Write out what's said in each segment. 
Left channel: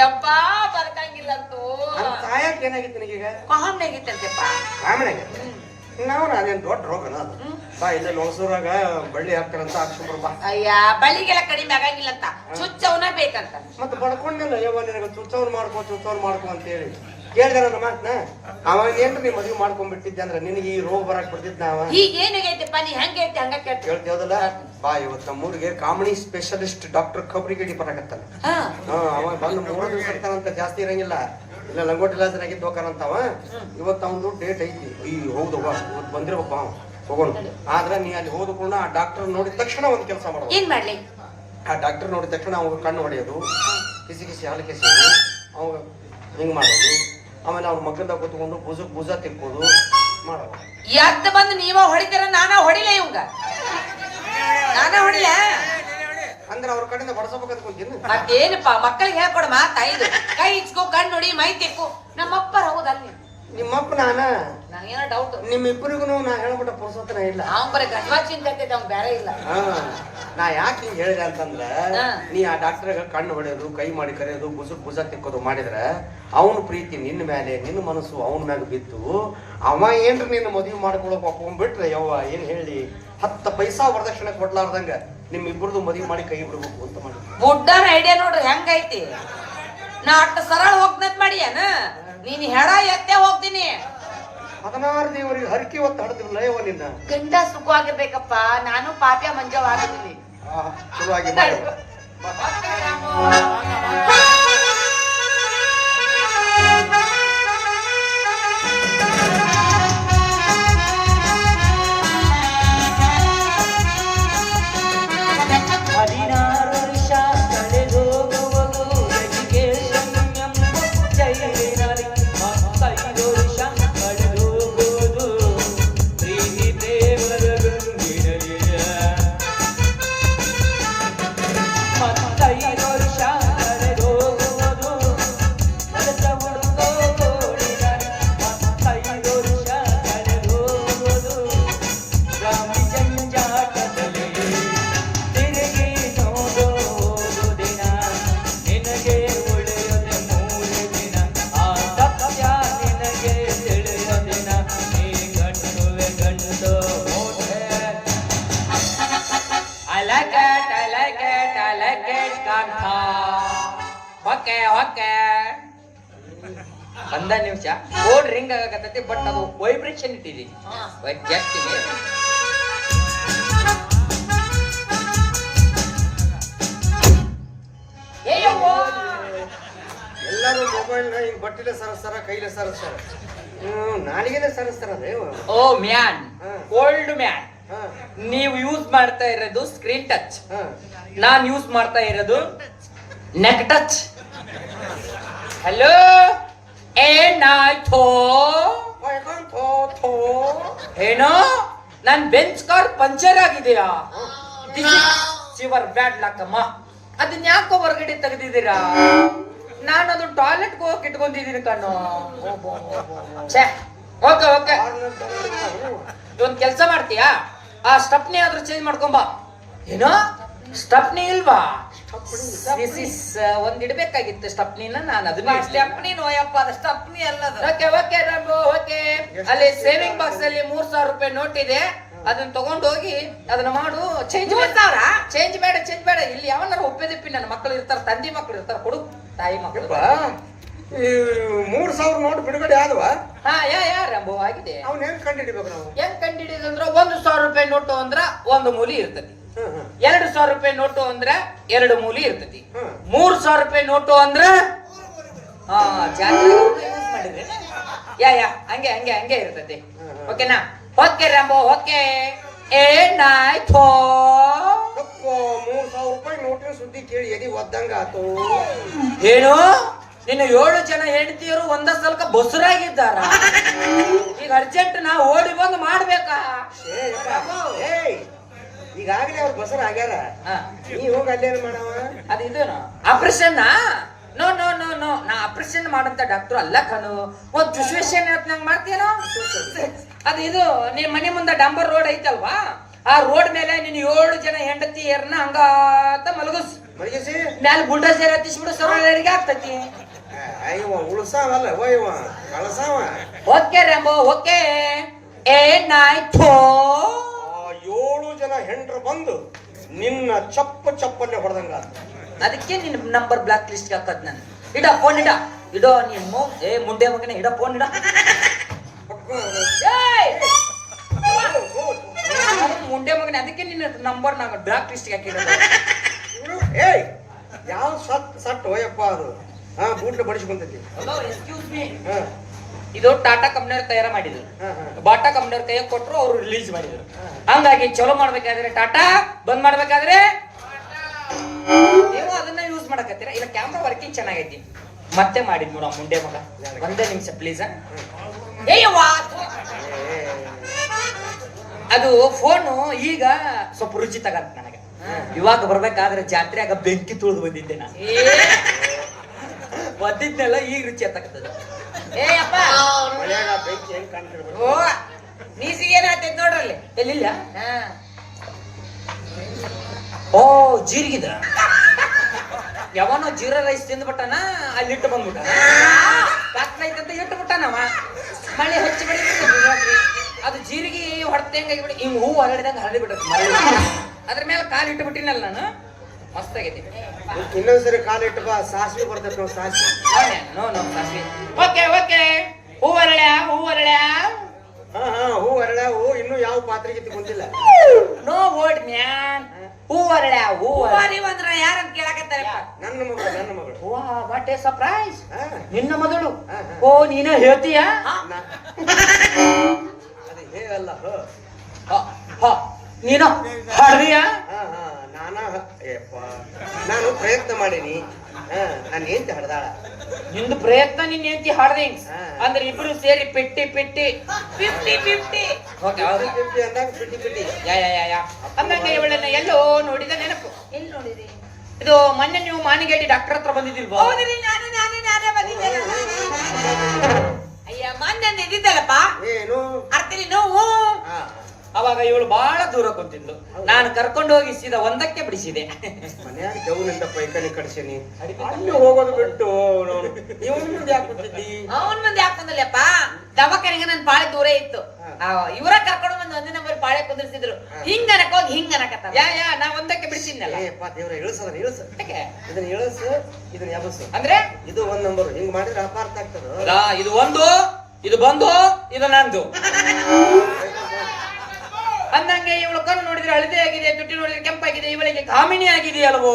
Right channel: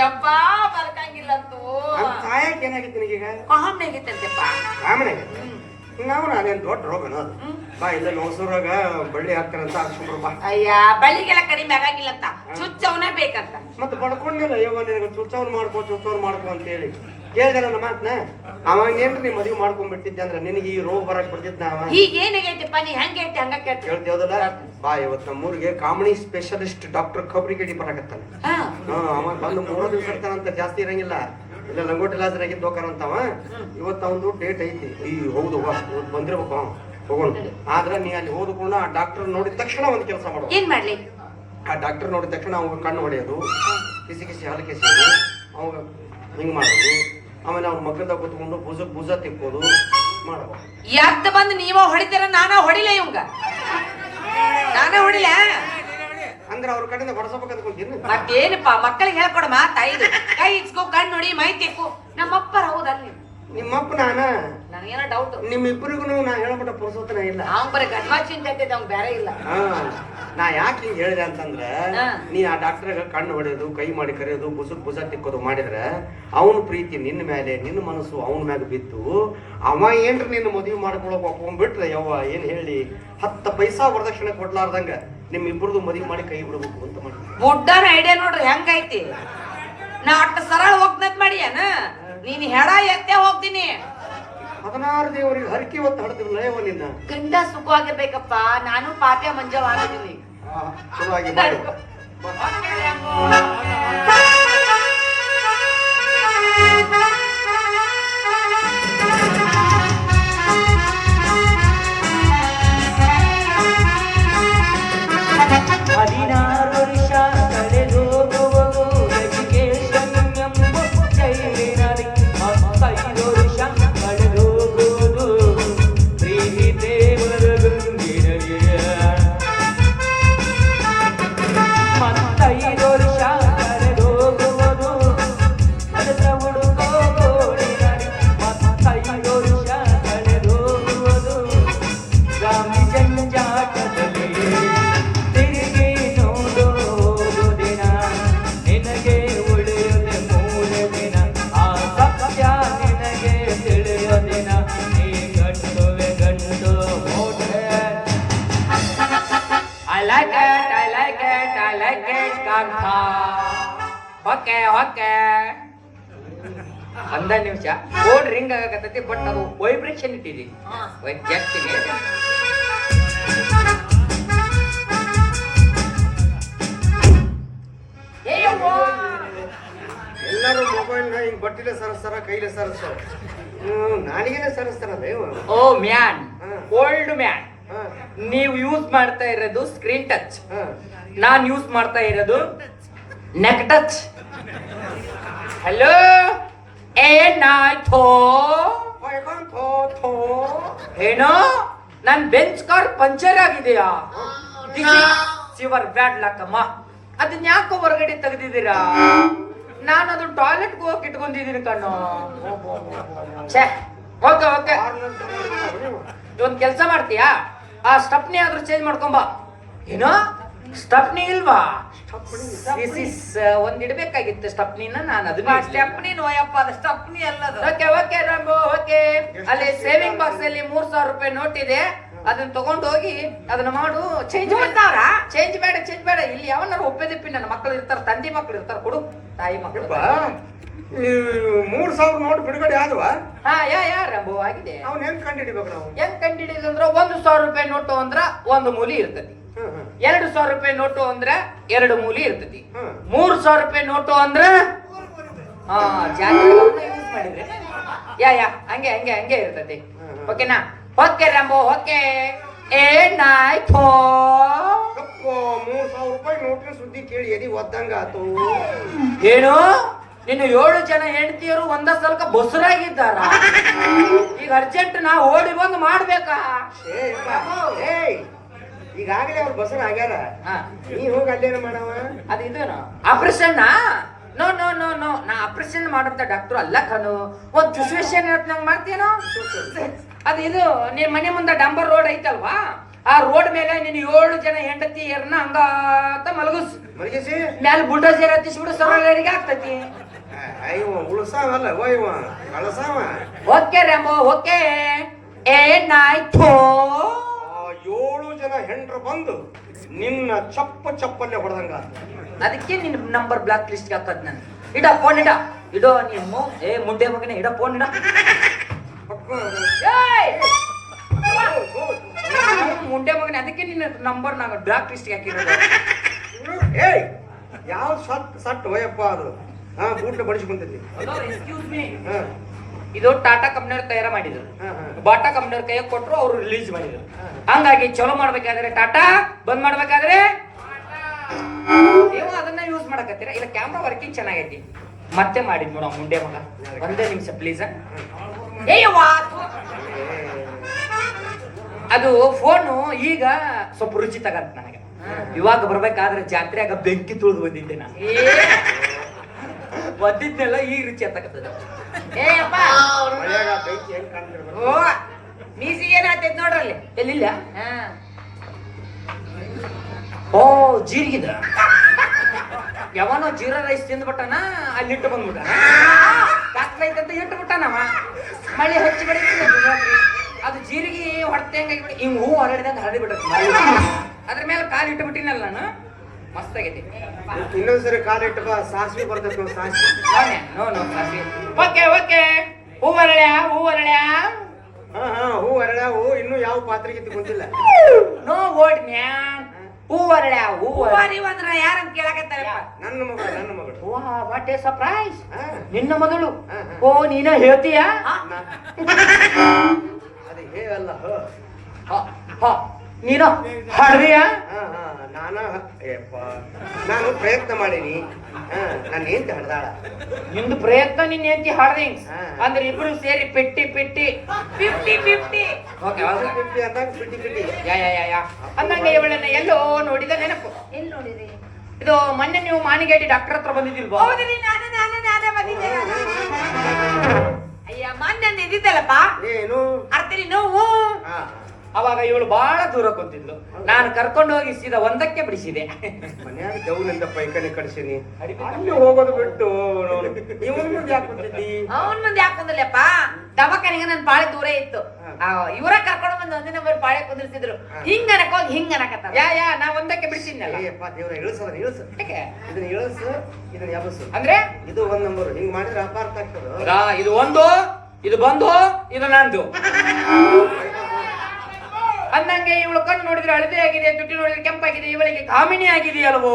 ಯಪ್ಪ ಬರ್ಕಂಗಿಲ್ಲಂತೂ ಸಾಯಕ್ ಏನಾಗಿತ್ತು ನಿನಗೀಗ? ಮಹಾಮ್ನೆ ಆಗೈತಂತೆಪ್ಪ ಆಮೇಲೆ ನಾವು ನಾನೇನ್ ದೊಡ್ಡ ಅದು. ಬಾ ಇಲ್ಲ ಮೈಸೂರಾಗ ಬಳ್ಳಿ ಹಾಕ್ತಾರಂತ ಹಾಕ್ಸ್ಕೊಂಡ್ರು ಬಾ. ಅಯ್ಯ ಬಳಿಗೆಲ್ಲ ಕಡಿಮೆ ಆಗಂಗಿಲ್ಲಂತ ಚುಚ್ಚವನೇ ಬೇಕಂತ. ಮತ್ತೆ ಬಡ್ಕೊಂಡಿಲ್ಲ ಯವ್ವ ನಿನಗೆ ಚುಚ್ಚವ್ರು ಮಾಡ್ಕೊ ಚುಚ್ಚವ್ರು ಮಾಡ್ಕೊ ಅಂತ ಹೇಳಿ. ಕೇಳಿದಾರ ನಮ್ಮ ಮಾತ್ನ? ಅವಾಗ ಏನ್ರಿ ನೀ ಮದುವೆ ಮಾಡ್ಕೊಂಡ್ಬಿಟ್ಟಿದ್ದೆ ಅಂದ್ರೆ ನಿನಗೆ ಈ ರೋಗ ಬರಕ್ ಬಿಡ್ತಿದ್ದ ಅವ? ಹೀಗೇನಾಗೈತಪ್ಪ ನೀ ಹಂಗೆ ಐತಿ ಹಂಗ ಕೇಳ್ತಿ. ಹೇಳ್ತೇವದಲ್ಲ ಬಾ ಇವತ್ತು ನಮ್ಮ ಊರಿಗೆ ಕಾಮಿಡಿ ಸ್ಪೆಷಲಿಸ್ಟ್ ಡಾಕ್ಟರ್ ಖಬ್ರಿಗಿಡಿ ಬರಕತ್ತಾನ ಅವ ಬಂದು ಮೂರು ದಿವಸ ಇರ್ತಾನಂತ ಜಾಸ್ತಿ ಇರಂಗಿಲ್ಲ. ಇಲ್ಲ ಲಂಗೋಟಿ ಲಾಸರಾಗಿ ಅಂತಾವ ಇವತ್ತು ಅವನು ಡೇಟ್ ಐತಿ. ಈ ಹೌದು ಬಂದಿರ್ಬೇಕು ಅವ. ತಗೊಂಡು ಆದ್ರೆ ನೀ ಅಲ್ಲಿ ಹೋದ ಕೂಡ ಆ ಡಾಕ್ಟರ್ ನೋಡಿದ ತಕ್ಷಣ ಒಂದು ಕೆಲಸ ಮಾಡಿ. ಏನ್ ಮಾಡ್ಲಿ? ಆ ಡಾಕ್ಟರ್ ನೋಡಿದ ತಕ್ಷಣ ಅವ್ನ ಕಣ್ಣು ಹೊಡೆಯೋದು. ಕಿಸಿ ಕಿಸಿ ಹಾಲು ಕಿಸಿ ಅವ ಹಿಂಗ್ ಮಾಡೋದು. ಆಮೇಲೆ ಅವ್ರ ಮಕ್ಕಳದಾಗ ಕುತ್ಕೊಂಡು ಭುಜ ಭುಜ ತಿಕ್ಕೋದು. ಮಾಡೋದು ಯಾಕೆ ಬಂದು ನೀವ ಹೊಡಿತೀರ ನಾನ ಹೊಡಿಲ ಇವಂಗ. ನಾನ ಹೊಡಿಲ ಅಂದ್ರೆ ಅವ್ರ ಕಡೆಯಿಂದ ಬಡಸಬೇಕಂತ ಕುಂತೀನಿ ಮತ್ತೇನಪ್ಪ ಮಕ್ಕಳಿಗೆ ಹೇಳ್ಕೊಡಮ್ಮ ತಾಯಿ ಕೈ ಇಚ್ಕೋ ಕಣ್ಣು ನೋಡಿ ಮೈ ತೆಕ್ಕು. ನಮ್ಮಪ್ಪರ ಹೌದಲ್ಲ ನಿಮ್ಮಪ್ಪ ನಾನ? ನಿಮ್ ಡೌಟ್ ನಿಮ್ಮಿಬ್ಬರಿಗೂ ನಾ ಹೇಳ್ಬಿಟ್ಟ ಪುರುಸೋತನ ಇಲ್ಲ. ಅವ್ನ್ ಬರೀ ಗಡ್ವಾ ಚಿಂತೆ ಆಗ್ತೈತೆ ಅವ್ನ್ ಬೇರೆ ಇಲ್ಲ. ಹಾ, ನಾ ಯಾಕೆ ಹಿಂಗ್ ಹೇಳಿದೆ ಅಂತಂದ್ರ ನೀ ಆ ಡಾಕ್ಟರ್ ಕಣ್ಣು ಹೊಡೆಯೋದು ಕೈ ಮಾಡಿ ಕರೆಯೋದು ಬುಸುಕ್ ಭುಜ ತಿಕ್ಕೋದು ಮಾಡಿದ್ರ ಅವನ ಪ್ರೀತಿ ನಿನ್ನ ಮೇಲೆ ನಿನ್ನ ಮನಸ್ಸು ಅವನ ಮ್ಯಾಗ ಬಿದ್ದು ಅವ ಏನ್ರಿ ನಿನ್ನ ಮದುವೆ ಮಾಡ್ಕೊಳಕ್ ಒಪ್ಕೊಂಡ್ಬಿಟ್ರೆ ಯವ್ವ ಏನ್ ಹೇಳಿ? ಹತ್ತು ಪೈಸಾ ವರದಕ್ಷಿಣೆ ಕೊಡ್ಲಾರ್ದಂಗ ನಿಮ್ ಇಬ್ಬರದು ಮದುವೆ ಮಾಡಿ ಕೈ ಬಿಡಬೇಕು ಅಂತ ಮಾಡಿ ಬುಡ್ಡನ ಐಡಿಯಾ ನೋಡ್ರಿ ಹೆಂಗೈತಿ? ನಾ ಅಷ್ಟು ಸರಳ ಹೋಗ್ನತ್ ಮಾಡಿ ಏನ? ನೀನ್ ಹೆಡ ಎತ್ತೆ ಹೋಗ್ತೀನಿ. ಹದಿನಾರು ದೇವರಿಗೆ ಹರಕೆ ಹೊತ್ತು ಹಡ್ದಿಲ್ಲ ಲಯವ ನಿನ್ನ. ಗಂಡ ಸುಖವಾಗಿರ್ಬೇಕಪ್ಪ ನಾನು ಪಾಪ್ಯ ಮಂಜವಾಗಿದ್ದೀನಿ ಆ, ಚಲುವಾಗಿ ಮಾಡು. ಹದಿನಾರು ಓಕೆ ಓಕೆ ಒಂದ ನಿಮಿಷ. ಫೋನ್ ರಿಂಗ್ ಆಗಕತ್ತೈತಿ ಬಟ್ ಅದು ವೈಬ್ರೇಷನ್ ಇಟ್ಟಿದೀನಿ. ಜಸ್ಟ್ ಎಲ್ಲರೂ ಮೊಬೈಲ್ ಹಿಂಗ್ ಬಟ್ಟಿಲೆ ಸರಸ್ತಾರ ಕೈಲೆ ಸರಸ್ತಾರ? ಹ್ಮ್ ನಾನಿಗೇನೆ ಸರಸ್ತಾರ ಓ ಮ್ಯಾನ್. Old man. ನೀವು ಯೂಸ್ ಮಾಡ್ತಾ ಇರೋದು ಸ್ಕ್ರೀನ್ ಟಚ್ ನಾನ್ ಯೂಸ್ ಮಾಡ್ತಾ ಇರೋದು ನೆಕ್ ಟಚ್ ಹಲೋ ಥೋ. ಏನೋ? ನನ್ ಬೆಂಚ್ ಕಾರ್ ಪಂಚರ್ ಆಗಿದೆಯಾ? ಶಿವರ್, ಬ್ಯಾಡ್ ಲಕ್ಕಮ್ಮ ಅದನ್ನ ಯಾಕೋ ಹೊರಗಡೆ ತೆಗೆದಿದ್ದೀರಾ? ನಾನು ಅದು ಟಾಯ್ಲೆಟ್ ಹೋಗಕ್ ಇಟ್ಕೊಂಡಿದ್ದೀನಿ ಕಣ್ಣು. ಓಕೆ ಓಕೆ ಒಂದ್ ಕೆಲಸ ಮಾಡ್ತೀಯಾ? ಆ ಸ್ಟಪ್ನಿ ಆದ್ರೂ ಚೇಂಜ್ ಮಾಡ್ಕೊಂಬ ಏನೋ? ಸ್ಟಪ್ನಿ ಇಲ್ವಾ? Uh, ಒಂದ್ ಇಡ್ಬೇಕಾಗಿತ್ತು ಸ್ಟಪ್ನಿನ ನಾನು ಅದನ್ನ ಸ್ಟೆಪ್ನಿ ನೋಯಪ್ಪ ಅದ ಸ್ಟಪ್ನಿ ಅಲ್ಲದ. ಓಕೆ ಓಕೆ ರಾಂಬು ಓಕೆ ಅಲ್ಲಿ ಸೇವಿಂಗ್ ಬಾಕ್ಸ್ ಅಲ್ಲಿ ಮೂರ್ ಸಾವಿರ ರೂಪಾಯಿ ನೋಟ್ ಇದೆ. ಅದನ್ನ ತಗೊಂಡು ಹೋಗಿ ಅದನ್ನ ಮಾಡು. ಚೇಂಜ್ ಮಾಡ್ತಾರ ಚೇಂಜ್ ಬೇಡ ಚೇಂಜ್ ಬೇಡ. ಇಲ್ಲಿ ಯಾವನಾರು ಒಪ್ಪೆದಿಪ್ಪಿ ನನ್ನ ಮಕ್ಕಳು ಇರ್ತಾರ ತಂದೆ ಮಕ್ಕಳು ಇರ್ತಾರ ಕೊಡು. ತಾಯಿ ಮಕ್ಕಳು ಮೂರ್ ಸಾವಿರ ನೋಟ್ ಬಿಡುಗಡೆ ಆದ್ವ? ಹಾ ಯಾ ಯಾ ರಾಂಬು ಆಗಿದೆ. ಅವ್ನ ಹೆಂಗ್ ಕಂಡಿಡಿಬೇಕು ನಾವು? ಹೆಂಗ್ ಕಂಡಿಡಿಯೋದು ಅಂದ್ರ ಒಂದು ಸಾವಿರ ರೂಪಾಯಿ ನೋಟು ಅಂದ್ರ ಒಂದು ಮೂಲಿ ಹ್ಮ್ ಎರಡು ಸಾವಿರ ರೂಪಾಯಿ ನೋಟು ಅಂದ್ರ ಎರಡು ಮೂಲಿ ಇರ್ತತಿ. ಮೂರು ಸಾವಿರ ರೂಪಾಯಿ ನೋಟು ಅಂದ್ರ ಹಾ ಯಾ ಯಾ ಹಂಗೆ ಹಂಗೆ ಹಂಗೆ ಇರ್ತತಿ. ಓಕೆನಾ? ಓಕೆ ರಾಂಬೋ ಓಕೆ ಏನಾಯ್ತೋ ಮೂರು ಸಾವಿರ ರೂಪಾಯಿ ನೋಟಿನ ಸುದ್ದಿ ಕೇಳಿ ಎದಿ ಒದ್ದಂಗ ಆತು. ಏನು? ನಿನ್ನ ಏಳು ಜನ ಹೆಂಡತಿಯರು ಒಂದ ಸ್ವಲ್ಪ ಬಸುರಾಗಿದ್ದಾರ? ಈಗ ಅರ್ಜೆಂಟ್ ನಾ ಓಡಿ ಬಂದು ಮಾಡ್ಬೇಕಾ? ಈಗಾಗಲೇ ಅವ್ರು ಬಸರ ಆಗ್ಯಾರ. ನೀ ಹೋಗಿ ಅಲ್ಲೇನು ಮಾಡವ? ಅದು ಇದೇನು? Operation no no no no ನಾ ಆಪರೇಷನ್ ಮಾಡಂತ ಡಾಕ್ಟರ್ ಅಲ್ಲ ಕಣು. ಒಂದ್ ಸಿಚುವೇಶನ್ ನಂಗೆ ಮಾಡ್ತೀನೋ ಅದು ಇದು ನಿನ್ ಮನೆ ಮುಂದೆ ಡಂಬರ್ ರೋಡ್ ಐತಲ್ವಾ? ಆ ರೋಡ್ ಮೇಲೆ ನೀನು ಏಳು ಜನ ಹೆಂಡತಿಯರನ್ನ ಹಂಗಾತ ಮಲಗಿಸ್. ಮಲಗಿಸಿ? ಮ್ಯಾಲ ಬುಲ್ಡೋಸರ್ ಹತ್ತಿಸ್ಬಿಡು ಸರ್ವರಿಗೆ ಆಗ್ತೈತಿ. ಅಯ್ಯೋ ಉಳಸಾವಲ್ಲ ಕಳಸಾವ ಓಕೆ ರೇಮೋ ಓಕೆ. ಏ ನಾಯ್ ಬಂದು ನಿನ್ನ ಚಪ್ಪ ಚಪ್ಪಲ್ಲೇ ಹೊಡೆದಂಗ ಅದಕ್ಕೆ ನಿನ್ನ ನಂಬರ್ ಬ್ಲಾಕ್ ಲಿಸ್ಟ್ ಹಾಕದ್ ನಾನು. ಇಡ ಫೋನ್ ಇಡ. ಇಡೋ ನೀನು ಏ ಮುಂಡೆ ಮಗನೇ ಇಡ ಫೋನ್ ಇಡ. ಮುಂಡೆ ಮಗನೇ ಅದಕ್ಕೆ ನಿನ್ನ ನಂಬರ್ ನಾನು ಬ್ಲಾಕ್ ಲಿಸ್ಟ್ ಹಾಕಿರೋದು. ಏಯ್ ಯಾವ ಸಟ್ ಸಟ್ ಹೋಯಪ್ಪ ಅದು? ಹಾ ಬೂಟ್ ಬಡಿಸಿ ಬಂದಿದ್ದೆ. ಎಕ್ಸ್ಕ್ಯೂಸ್ ಮೀ ಇದು ಟಾಟಾ ಕಂಪ್ನಿಯವ್ರ ತಯಾರ ಮಾಡಿದ್ರು ಬಾಟಾ ಕಂಪ್ನಿಯವ್ರ ಕೈಯಾಗ ಕೊಟ್ರು ಅವ್ರು ರಿಲೀಸ್ ಮಾಡಿದ್ರು. ಹಂಗಾಗಿ ಚಲೋ ಮಾಡ್ಬೇಕಾದ್ರೆ ಟಾಟಾ ಬಂದ್ ಮಾಡ್ಬೇಕಾದ್ರೆ ನೀವು ಅದನ್ನ ಯೂಸ್ ಮಾಡಕತ್ತೀರ? ಇಲ್ಲ ಕ್ಯಾಮ್ರಾ ವರ್ಕಿಂಗ್ ಚೆನ್ನಾಗೈತಿ. ಮತ್ತೆ ಮಾಡಿದ್ ನೋಡ ಮುಂಡೆ ಮಗ. ಒಂದೇ ನಿಮಿಷ ಪ್ಲೀಸ್ ಅದು ಫೋನು ಈಗ ಸ್ವಲ್ಪ ರುಚಿ ತಗಂತ ನನಗೆ. ಇವಾಗ ಬರ್ಬೇಕಾದ್ರೆ ಜಾತ್ರೆಯಾಗ ಬೆಂಕಿ ತುಳಿದು ಬಂದಿದ್ದೆ ನಾನು. ಬಂದಿದ್ನೆಲ್ಲ ಈಗ ರುಚಿ ತಗತ್ತದ ಏ ಅಪ್ಪ ಓ ನೀಸಿಗೆ ಏನಾಗ್ತೈತ್ ನೋಡ್ರಲ್ಲಿ? ಎಲ್ಲಿಲ್ಲ? ಹಾ. ಓ ಜೀರಿಗಿದ್ರ ಯಾವನೋ ಜೀರಾ ರೈಸ್ ತಿಂದ್ಬಿಟ್ಟನ ಅಲ್ಲಿ ಇಟ್ಟು ಬಂದ್ಬಿಟ್ಟ ಅಂತ ಇಟ್ಟು ಬಿಟ್ಟನವ ಮಳೆ ಹೆಚ್ಚು ಮಳೆ ಅದು ಜೀರಿಗೆ ಹೊಡ್ತೆ ಹೆಂಗಾಗಿ ಹಿಂಗ್ ಹೂ ಹರಡಿದಂಗ ಹರಡಿ ಬಿಟ್ಟ ಅದ್ರ ಮೇಲೆ ಕಾಲು ಇಟ್ಟು ಬಿಟ್ಟಿನಲ್ಲ ನಾನು. ಮಸ್ತಾಗೈತಿ. ಇನ್ನೊಂದ್ಸರಿ ಕಾಲಿಟ್ಟು ಬಾ ಸಾಸಿವೆ ಬರ್ತೈತೆ ನಾವು ಸಾಸಿವೆ. Okay okay. ಹೂ ಅರಳ್ಯ ಹೂ ಅರಳ್ಯ. ಹಾ ಹಾ ಹೂ ಅರಳ ಹೂ ಇನ್ನೂ ಯಾವ ಪಾತ್ರೆಗೆ ಗೊತ್ತಿಲ್ಲ. ನೋ ಓಡ್ ಮ್ಯಾನ್ ಹೂ ಅರಳ್ಯ ಹೂ ಅರಿವಂದ್ರ ಯಾರಂತ ಕೇಳಕತ್ತಾರಪ್ಪ? ನನ್ನ ಮಗಳು ನನ್ನ ಮಗಳು. ವಾ ವಾಟ್ ಎ ಸರ್ಪ್ರೈಸ್ ಹಾ. ನಿನ್ನ ಮಗಳು. ಓ ನೀನ ಹೇಳ್ತೀಯಾ? ಅದು ಹೇಗಲ್ಲ ಹ. ಹ, ಹ, ನೀನು ಹಾಡ್ದೀಯಾ ಹಾ ಹಾ. ನಾನ ಏಪ್ಪ ನಾನು ಪ್ರಯತ್ನ ಮಾಡೀನಿ. ಹಾ ನಾನು ಏನ್ ಹಡ್ದಾಳ ನಿಂದು ಪ್ರಯತ್ನ ನಿನ್ನ ಹೆಂಡತಿ ಹಾಡ್ದೆ. ಹಾ. ಅಂದ್ರೆ ಇಬ್ರು ಸೇರಿ ಪೆಟ್ಟಿ ಪೆಟ್ಟಿ. Fifty fifty. ಫಿಫ್ಟಿ ಪಿಟಿ ಪಿಟಿ ಯಾ ಯಾ ಯಾ ಅಂದಂಗೆ ಇವಳನ್ನ ಎಲ್ಲೋ ನೋಡಿದ ನೆನಪು. ಎಲ್ಲಿ ನೋಡಿದೆ? ಇದು ಮೊನ್ನೆ ನೀವು ಮಾನಿಗೇಟಿ ಡಾಕ್ಟರ್ ಹತ್ರ ಬಂದಿದ್ದಿಲ್ವಾ ಹೌದ್ರಿ ನಾನು ನಾನು ನಾನೇ ಬಂದಿದ್ದೆ ಅಯ್ಯ ಮೊನ್ನೆ ಇದ್ದಿದ್ದಲ್ಲಪ್ಪ ಏನು? ಅರ್ತಿರಿ ನೋವು. ಹಾ. ಅವಾಗ ಇವಳು ಬಹಳ ದೂರ ಕುಂತಿದ್ಲು. ನಾನು ಕರ್ಕೊಂಡು ಹೋಗಿ ಸೀದಾ ಒಂದಕ್ಕೆ ಬಿಡಿಸಿದೆ. ಮನ್ಯಾಗ ದೌನಿಂದ ಪೈಕನೆ ಕಡ್ಸೀನಿ ಅಲ್ಲಿ ಹೋಗೋದು ಬಿಟ್ಟು ಇವನ್ ಮುಂದೆ ಯಾಕೆ ಬಿಟ್ಟಿದ್ದಿ ಅವನ್ ಮಂದಿ ಯಾಕಂದ್ರಲ್ಲಪ್ಪ ದವಾಖಾನೆಗೆ ನನ್ ಬಾಳೆ ದೂರ ಇತ್ತು. ಇವರ ಇವ್ರ ಕರ್ಕೊಂಡು ಬಂದು ಒಂದಿನ ಬರೀ ಬಾಳೆ ಕುಂದಿರ್ಸಿದ್ರು. ಹಿಂಗ ಅನಕೋಗಿ ಹೋಗಿ ಹಿಂಗ ಅನಕತ್ತ ಯಾ ಯಾ ನಾ ಒಂದಕ್ಕೆ ಬಿಡಿಸಿದ್ನಲ್ಲ. ಏಪ್ಪ ದೇವ್ರ ಇಳಿಸದ್ರ ಇಳಿಸ? ಇದನ್ನ ಇಳಸು ಇದನ್ನ ಯಾವಸು ಅಂದ್ರೆ? ಇದು ಒಂದ್ ನಂಬರ್. ಹಿಂಗ್ ಮಾಡಿದ್ರೆ ಅಪಾರ್ಥ ಆಗ್ತದ. ಇದು ಒಂದು ಇದು ಬಂದು ಇದು ನಂದು. ಅಂದಂಗೆ ಇವಳು ಕಣ್ಣು ನೋಡಿದ್ರೆ ಹಳದಿ ಆಗಿದೆ ತುಟಿ ನೋಡಿದ್ರೆ ಕೆಂಪಾಗಿದೆ ಇವಳಿಗೆ ಕಾಮಿನಿ ಆಗಿದೆಯಲ್ವೋ?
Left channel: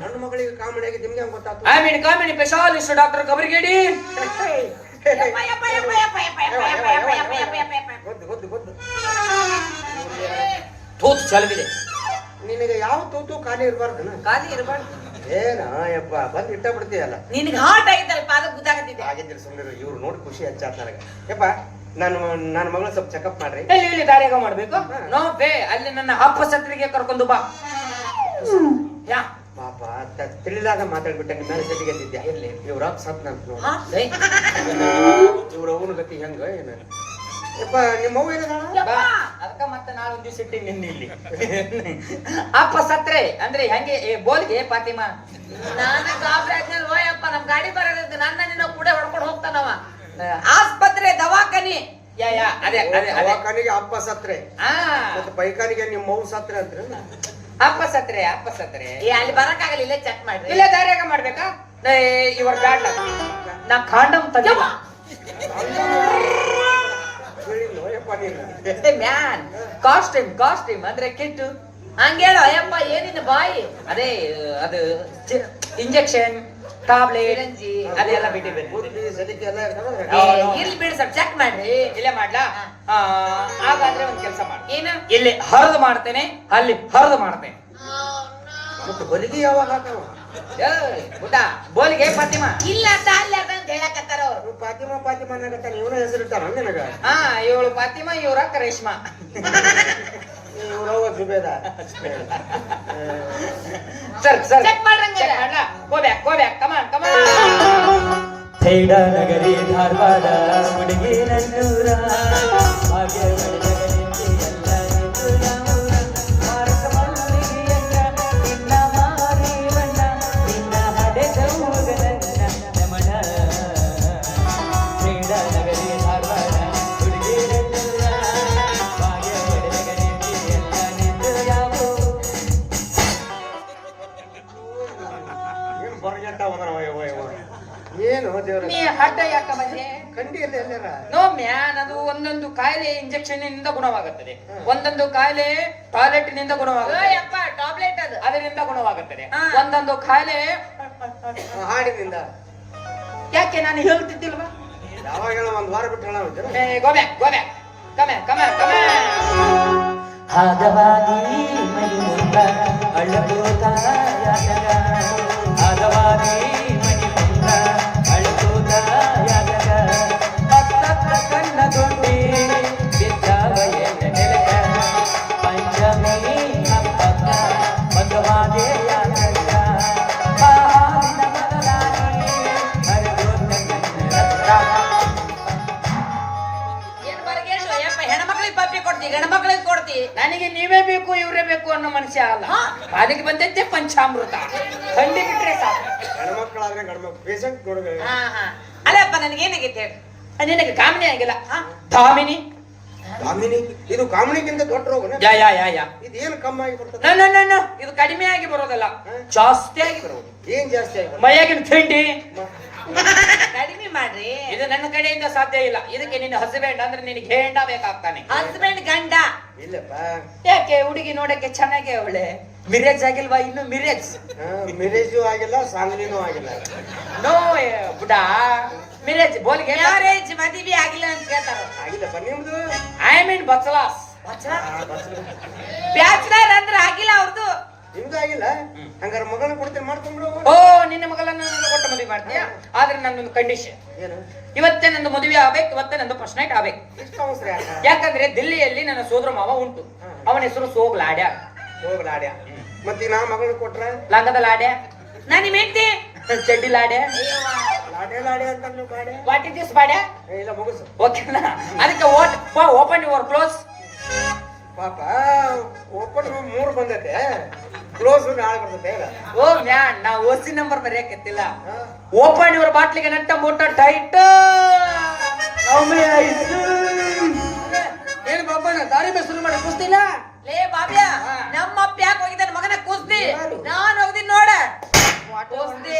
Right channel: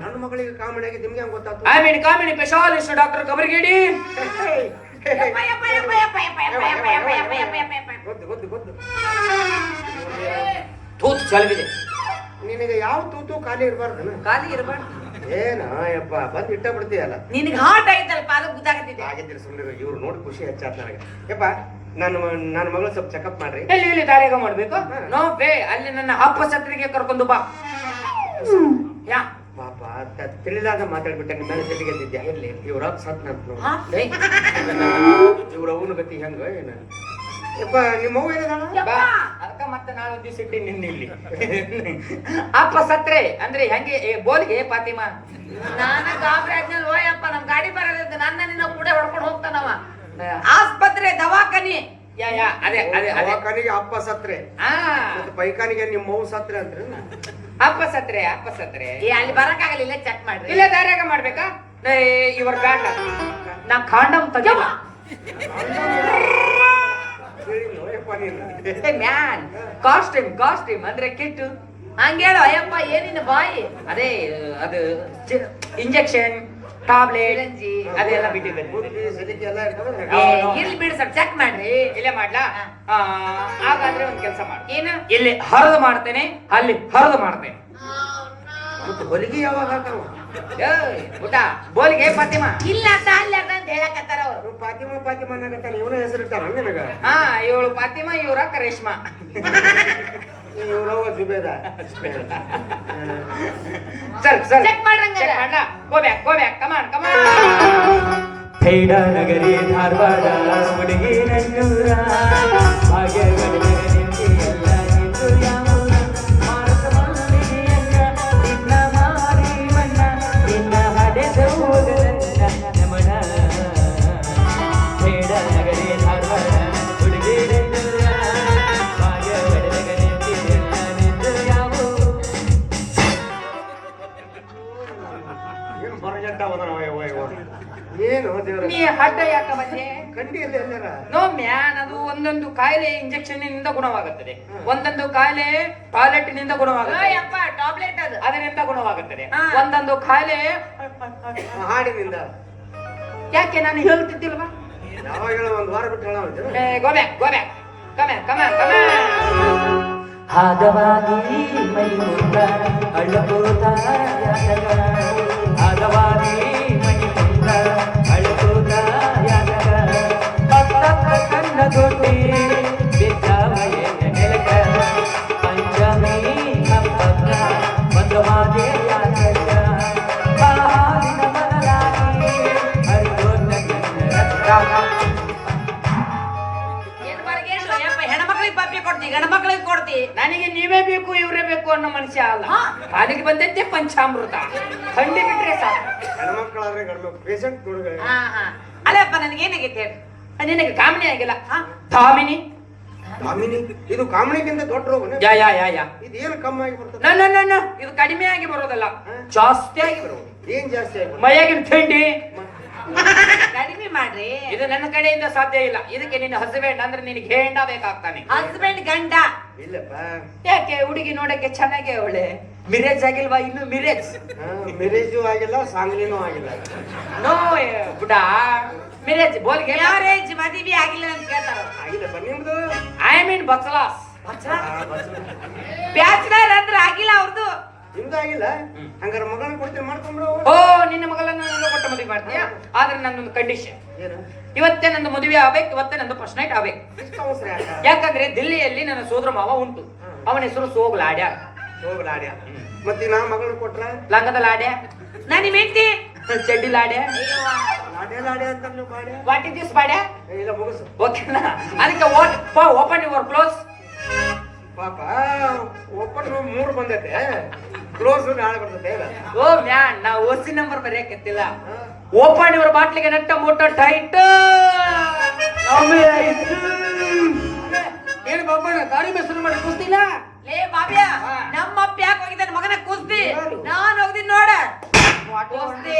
ನನ್ನ ಮಗಳಿಗೆ ಕಾಮಿನಿ ಆಗಿದೆ ನಿಮ್ಗೆ ಗೊತ್ತಾಗ್ತದೆ ಐ ಮೀನ್ ಕಾಮಿನಿ ಸ್ಪೆಷಾಲಿಸ್ಟ್ ಡಾಕ್ಟರ್ ಕಬರ್ಗೇಡಿ. ತೂತು ಚಲಗಿದೆ ನಿನಗೆ ಯಾವ ತೂತು ಖಾಲಿ ಇರಬಾರ್ದು? ಖಾಲಿ ಇರಬಾರ್ದು. ಏನಾಯಪ್ಪ ಬಂದ್ ಇಟ್ಟ ಬಿಡ್ತೀಯಲ್ಲ? ನಿನಗೆ ಹಾಟ್ ಆಗಿದ್ದಲ್ಲ ಪಾದ ಗುದ್ದಾಗತ್ತಿದೆ ಹಾಗೆ ಸುಮ್ಮನೆ ಇವ್ರು ನೋಡಿ ಖುಷಿ ಹಚ್ಚಾತ್ ನನಗೆ. ಯಪ್ಪ ನನ್ನ ನನ್ನ ಮಗಳು ಸ್ವಲ್ಪ ಚೆಕಪ್ ಮಾಡ್ರಿ. ಎಲ್ಲಿ ಇಲ್ಲಿ ದಾರಿಯಾಗ ಮಾಡ್ಬೇಕು? ನೋ ಬೇ ಅಲ್ಲಿ ನನ್ನ ಅಪ್ಪ ಸತ್ರಿಗೆ ಕರ್ಕೊಂಡು ಬಾ. ಯಾ. ಪಾಪ ತಿಳಿದಾಗ ಮಾತಾಡ್ಬಿಟ್ಟೆ ನಿಮ್ಮ ಮೇಲೆ ಸಿಟ್ಟಿಗೆ ಎದ್ದಿದ್ಯಾ ಇರ್ಲಿ ಇವ್ರ ಅಪ್ಪ ಸತ್ ನಂತ ಇವ್ರ ಅವನ ಗತಿ ಹೆಂಗ ಏನ? ನಿಮ್ಮ ಅವ್ವ ಅದಕ್ಕ ಮತ್ತೆ ನಾನು ದಿವಸ ಇಟ್ಟಿ ನಿನ್ನ ಇಲ್ಲಿ. ಅಪ್ಪ ಸತ್ರೆ ಅಂದ್ರೆ ಹೆಂಗೆ ಏ, ಬೋಲ್ಗೆ ಪಾತಿಮಾ? ನಾನು ಗಾಬರಿ ಆದ್ಮೇಲೆ ಓಯಪ್ಪ ನಮ್ ಗಾಡಿ ಬರೋದಂತ ನನ್ನ ನಿನ್ನ ಕೂಡ ಹೊಡ್ಕೊಂಡು ಹೋಗ್ತಾನವ ಆಸ್ಪತ್ರೆ ದವಾಖಾನಿ ಯಾ ಯಾ ಅದೇ ಅದೇ ಅದೇ. ದವಾಖಾನಿಗೆ ಅಪ್ಪ ಸತ್ರೆ. ಆ. ಮತ್ತೆ ಪೈಖಾನಿಗೆ ನಿಮ್ಮ ಮೌ ಸತ್ರೆ ಅಂತ್ರಿ ಅಪ್ಪ ಸತ್ರೆ ಅಪ್ಪ ಸತ್ರೆ. ಏ ಅಲ್ಲಿ ಬರಕ್ಕಾಗಲಿಲ್ಲ ಚೆಕ್ ಮಾಡ್ರಿ. ಇಲ್ಲ ದಾರ್ಯಾಗ ಮಾಡ್ಬೇಕಾ? ಇವ್ರ ಕಾಂಡ. ನಾ ಕಾಂಡಮ್ ಮ್ಯಾನ್ ಕಾಸ್ಟ್ಯೂಮ್ ಕಾಸ್ಟ್ಯೂಮ್ ಅಂದ್ರೆ ಕಿಟ್ಟು. ಹಂಗೇಳು ಅಯ್ಯಪ್ಪ ಏನಿನ ಬಾಯಿ? ಅದೇ ಅದು ಇಂಜೆಕ್ಷನ್ ಟಾಬ್ಲೆಟ್. ಅದೆಲ್ಲ ಏ, ಇರ್ಲಿ ಬಿಡಿ ಸ್ವಲ್ಪ ಚೆಕ್ ಮಾಡ್ರಿ. ಇಲ್ಲೇ ಮಾಡ್ಲಾ? ಆ, ಹಾಗಾದ್ರೆ ಒಂದ್ ಕೆಲಸ ಮಾಡು. ಏನು? ಇಲ್ಲಿ ಹರಿದು ಮಾಡ್ತೇನೆ ಅಲ್ಲಿ ಹರಿದು ಮಾಡ್ತೇನೆ. ಮತ್ತೆ ಹೊಲಿಗೆ ಯಾವಾಗ ಹಾಕೋ ಏಯ್, ಊಟ. ಬೋಲಿಗೆ ಫಾತಿಮಾ? ಇಲ್ಲ ಅಂತ ಅಲ್ಲ ಅಂತ ಅಂತ ಹೇಳಕತ್ತಾರ ಅವ್ರು. ಫಾತಿಮಾ ಪಾತಿಮಾ ಪಾತಿಮಾ ಅನ್ನಕತ್ತಾರ ಇವನ ಹೆಸರಿಟ್ಟಾರ ನನಗ ಹಾ ಇವಳು ಫಾತಿಮಾ ಇವರ ಕರೇಶ್ಮಾ ಇವ್ರವ ಜುಬೇದ. Sir sir. Check ಮಾಡ್ರಂಗ go back go back come on come on ಥೈಡ ನಗರಿ ಧಾರವಾಡ ಹುಡುಗಿ ನನ್ನೂರ ಹಾಗೆ ನಗರಿ ಇಂಜೆಕ್ಷನ್ನಿಂದ ಗುಣವಾಗುತ್ತದೆ ಒಂದೊಂದು ಕಾಯಿಲೆ ಟಾಯ್ಲೆಟ್ನಿಂದ ಗುಣವಾಗುತ್ತದೆ ಟಾಬ್ಲೆಟ್ ಅದು. ಅದರಿಂದ ಗುಣವಾಗುತ್ತದೆ. ಒಂದೊಂದು ಕಾಯಿಲೆ ಹಾಡಿನಿಂದ. ಯಾಕೆ ನಾನು ಹೇಳ್ತಿದ್ದಿಲ್ವಾ? ಯಾವಾಗ ಹೇಳೋ ಒಂದ್ ವಾರ ಬಿಟ್ಟು ಹೇಳೋ go ಕಮೆ ಕಮೆ. ಹಾದವಾಗಿ ಮೈ ಮುಂದ ಯಾತಗ ಬೇಕು ಅನ್ನೋ ಮನುಷ್ಯ ಅಲ್ಲ. ಹಾ. ನನಗೆ ಬಂದೈತೆ ಪಂಚಾಮೃತ. ಖಂಡಿ ಬಿಟ್ರೆ ಹೆಣ್ಮಕ್ಳಾದ್ರೆ ಗಂಡ್ಮ ಪೇಷಂಟ್ ನೋಡ್ಬೇಕು ಹಾ ಹಾ. ಅಲ್ಲಪ್ಪ ನನಗೇನಾಗೈತೆ ಹೇಳು. ನಿನಗೆ ಕಾಮಿನಿ ಆಗಿಲ್ಲ. ಹಾ? ಧಾಮಿನಿ ಕಾಮಿನಿ ಇದು ಕಾಮಿನಿಗಿಂತ ದೊಡ್ಡ ರೋಗ ಯಾ ಯಾ ಯಾ ಯಾ. ಇದೇನು ಕಮ್ಮಿ ಆಗಿ ಬರ್ತದೆ? No, no. ಇದು ಕಡಿಮೆ ಆಗಿ ಬರೋದಲ್ಲ. ಜಾಸ್ತಿ ಆಗಿ ಬರೋದು. ಏನ್ ಜಾಸ್ತಿ ಆಗಿ? ಮೈಯಾಗಿನ ತಿಂಡಿ. ಕಡಿಮೆ ಮಾಡ್ರಿ. ಇದು ನನ್ನ ಕಡೆಯಿಂದ ಸಾಧ್ಯ ಇಲ್ಲ. ಇದಕ್ಕೆ ನಿನ್ನ ಹಸ್ಬೆಂಡ್ ಅಂದ್ರೆ ನಿನಗೆ ಗೇಂಡ ಬೇಕಾಗ್ತಾನೆ. ಹಸ್ಬೆಂಡ್ ಗಂಡ. ಇಲ್ಲಪ್ಪ. ಯಾಕೆ ಹುಡುಗಿ ನೋಡಕ್ಕೆ ಚೆನ್ನಾಗಿ ಅವಳೆ ಮಿರೇಜ್ ಆಗಿಲ್ವಾ ಇನ್ನು ಮಿರೇಜ್ ಮಿರೇಜು ಆಗಿಲ್ಲ ಸಾಂಗ್ಲಿನೂ ಆಗಿಲ್ಲ. ನೋ ಬುಡ ಮಿರೇಜ್ ಬೋಲ್ಗೆ ಮ್ಯಾರೇಜ್ ಮದುವೆ ಆಗಿಲ್ಲ ಅಂತ ಕೇಳ್ತಾರ ಆಗಿಲ್ಲಪ್ಪ ನಿಮ್ದು ಐ ಮೀನ್ ಬಚಲಾಸ್ ಬ್ಯಾಚಲರ್ ಅಂದ್ರೆ ಆಗಿಲ್ಲ ಅವ್ರದ್ದು ನಿಮ್ದು ಆಗಿಲ್ಲ? ಹಂಗಾರ ಮಗಳನ್ನ ಕೊಡ್ತೀನಿ ಮಾಡ್ಕೊಂಡ್ಬಿಡು ಓ ನಿನ್ನ ಮಗಳನ್ನ ನನ್ನ ಕೊಟ್ಟು ಮದುವೆ ಮಾಡ್ತೀಯ ನನ್ನೊಂದು ಕಂಡೀಷನ್ ಏನು ಇವತ್ತೇ ನನ್ನ ಮದುವೆ ಆಗ್ಬೇಕು ಇವತ್ತೇ ನಂದು ಫಸ್ಟ್ ನೈಟ್ ಆಗ್ಬೇಕು. ಯಾಕಂದ್ರೆ ದಿಲ್ಲಿಯಲ್ಲಿ ನನ್ನ ಸೋದರ ಮಾವ ಉಂಟು. ಅವನ ಹೆಸರು ಸೋಗ್ಲಾಡ್ಯ ಹೋಗ್ಲಾಡ್ಯ ಮತ್ತೆ ನಾ ಮಗಳು ಕೊಟ್ರ? ಲಂಗದ ಲಾಡ್ಯ. ನಾನು ನಿಮ್ಮ ಹೆಂಡತಿ? ಚಡ್ಡಿ ಲಾಡ್ಯ. ಲಾಡ್ಯ ಲಾಡ್ಯ ವಾಟ್ ಇಸ್ ದಿಸ್ ಬಾಡ್ಯ ಇಲ್ಲ ಮುಗಿಸು. ಓಕೆನಾ ಅದಕ್ಕೆ ಓಪನ್ ಯುವರ್ ಕ್ಲೋಸ್ ಪಾಪ ಓಪನ್ ಮೂರು ಬಂದೈತೆ. ಕ್ಲೋಸ್ ನಾಳೆ ಬರ್ತೈತೆ ಓ ಮ್ಯಾನ್ ನಾ ಓಸಿ ನಂಬರ್ ಬರೆಯಕತ್ತಿಲ್ಲ ಓಪನ್ ಇವರ ಬಾಟ್ಲಿಗೆ ನೆಟ್ಟ ಮೂಟ ಟೈಟ್ ಏನು ಬಾಬಣ್ಣ ದಾರಿ ಮೆಸರು ಮಾಡಿ ಕುಸ್ತಿಲ್ಲ ಲೇ ಬಾಬ್ಯ ನಮ್ಮ ಅಪ್ಪ ಯಾಕೆ ಹೋಗಿದ್ದಾನೆ? ಮಗನ ಕುಸ್ತಿ. ನಾನು ಹೋಗಿದ್ದೀನಿ ನೋಡ. ಕುಸ್ತಿ.